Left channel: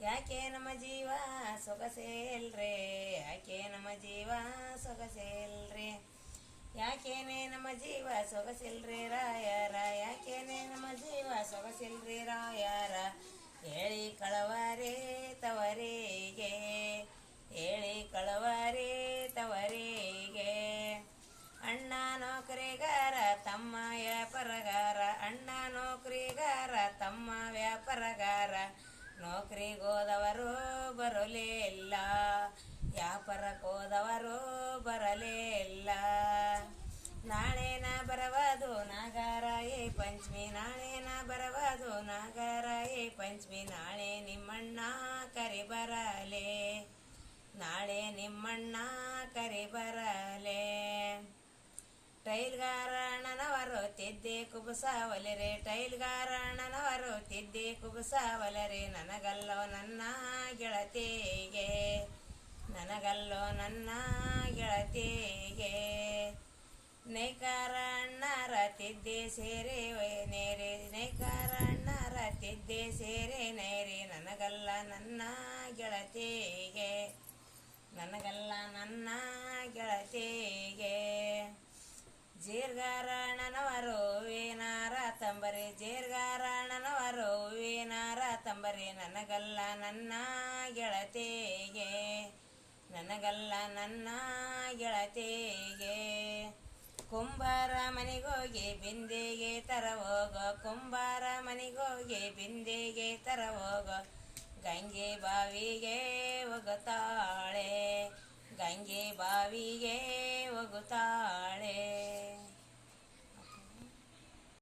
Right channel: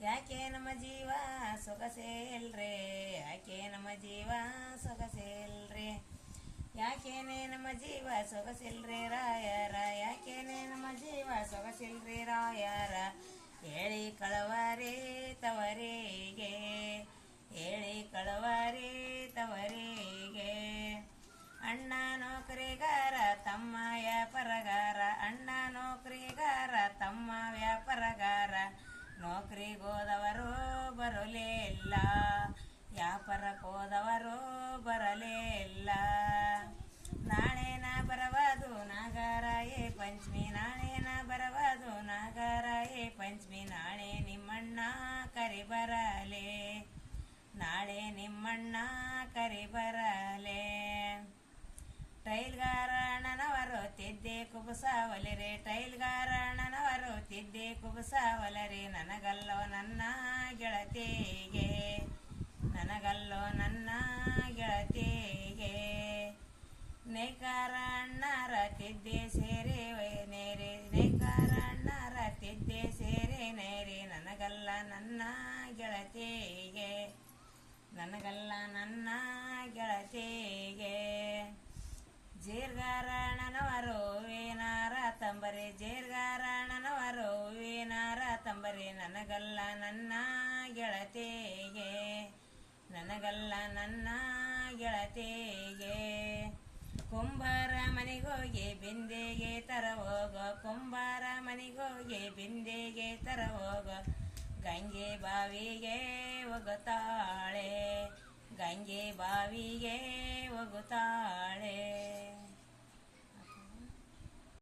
ಯಾಕೆ ನಮ್ಮ ಜೀವ ಸೊಗಸೇಲ್ರೆ, ಯಾಕೆ ನಮ್ಮ ಜೀವ ಸೊಗಸೇಲ್ರೆ, ಯಾಕೇನೆ ನಮ್ಮ ಜೀವ ಸೊಗಸಿಲ್ರಿ ರಾಯರ, ಯಾಕೇನೆ ನಮ್ಮ ಜೀವ ಸೊಗಸಿಲ್ರಿ ರಾಯರ. ಹೇಳಿ ಕಳವರೇ ತವರಿಗೆ, ಹೇಳಿ ಕಳವರೇ ತವರಿಗೆ. ಅಣ್ಣ ನೌಕರಿಗಾರ ತಮ್ಮ ವ್ಯಾಪಾರಗಾರ, ಅಣ್ಣ ನೌಕರಿಗಾರ ತಮ್ಮ ವ್ಯಾಪಾರಗಾರ. ನೌಕರಿಗೋದವರು ಬರಲೇ ಇಲ್ಲ, ವ್ಯಾಪಾರಕ್ಕೋದವರು ಬರಲೇ ಇಲ್ಲ. ನಾಳೆನ ಬರವದು ನಾಗರಾಯೇ ಪಂಚಮಿ, ನಾಳೆನ ಬರವದು ನಾಗರಾಯೇ ಪಂಚಮಿ. ನಾಳೆ ನಿಮ್ಮಣ್ಣ ಕರಿ ಬರಲೆ, ನಾಳೆ ನಿಮ್ಮಣ್ಣ ಕರಿ ಬರಲೆ. ಟೈಲ್ಗಾರಣ್ಣನವರು ತಿದ್ದೆ ಕುಬಸಾವಲರೆ, ಟೈಲ್ಗಾರಣ್ಣನವರು ತಿದ್ದೆ ಕುಬಸಾವಲರೆ. ನನಗಲ್ಲೋ ನನ್ನ ಗೆಳತಿಗೆ, ನನಗಲ್ಲೋ ನನ್ನ ಗೆಳತಿಗೆ. ನೇಕಾರ ಅಣ್ಣರ ತಿದ್ದೆ ಸೇರೆ ನೇರೆ, ನೇಕಾರ ಅಣ್ಣರ ತಿದ್ದೆ ಸೇರೆ ನೇರೆ. ನನಗಲ್ಲ ನನ್ನ ಗೆಳತಿಗೆ, ನನಗಲ್ಲ ನನ್ನ ಗೆಳತಿಗೆ. ಜೇರ್ಗಾರಣ್ಣನವರು ಹೂವಿನಾರ ತಂಬರಿ, ಜೇರ್ಗಾರಣ್ಣನವರು ಹೂವಿನಾರ ತಂಬರಿ. ನನಗಲ್ಲ ನನ್ನ ಗೆಳತಿಗೆ, ನನಗಲ್ಲ ನನ್ನ ಗೆಳತಿಗೆ. ಕುಂಬಾರ ಮನೆಗೋಗಿ ಬಿಂದೆಗೆ ತರವೋಗೋ, ಕುಂಬಾರ ಮನೆಗೋಗಿ ಬಿಂದೆಗೆ ತರವೋಗೋ. ಗಂಗೆ ಬಾವಿಗೆ ಹೋಗುತ್ತಾಳೆ, ಗಂಗೆ ಬಾವಿಗೆ ಹೋಗುತ್ತಾಳೆ.